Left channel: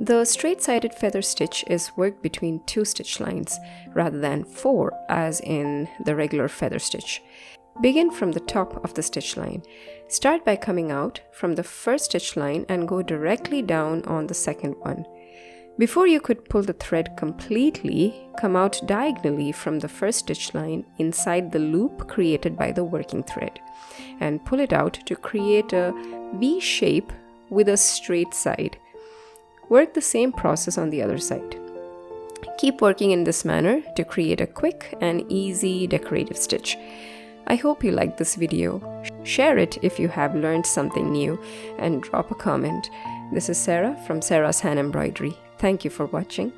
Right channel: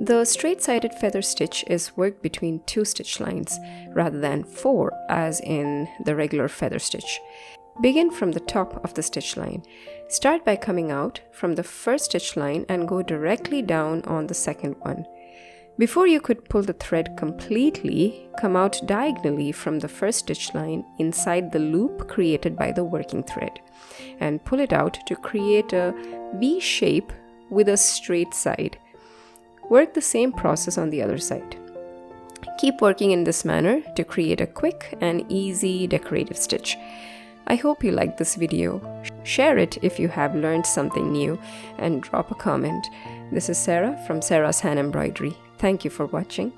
The straight-sided feather stitch is worked between 2 stitch lines rather than 4 as in the regular feather stitch. Begin from the top of the stitch line. Start by coming out from the first stitch line and go directly down on the second one. Before you could pull the thread completely, come out diagonally from the first stitch line inside the loop created by the working thread and pull it out to create a V shape with a straight side. Work the same process on the other side. Keep working in this manner to create a quick and easy decorative stitch. I hope you liked this video. Share it if you have learned something new and drop a comment. This is Sarah from Sarah's Hand Embroidery. Thank you for watching.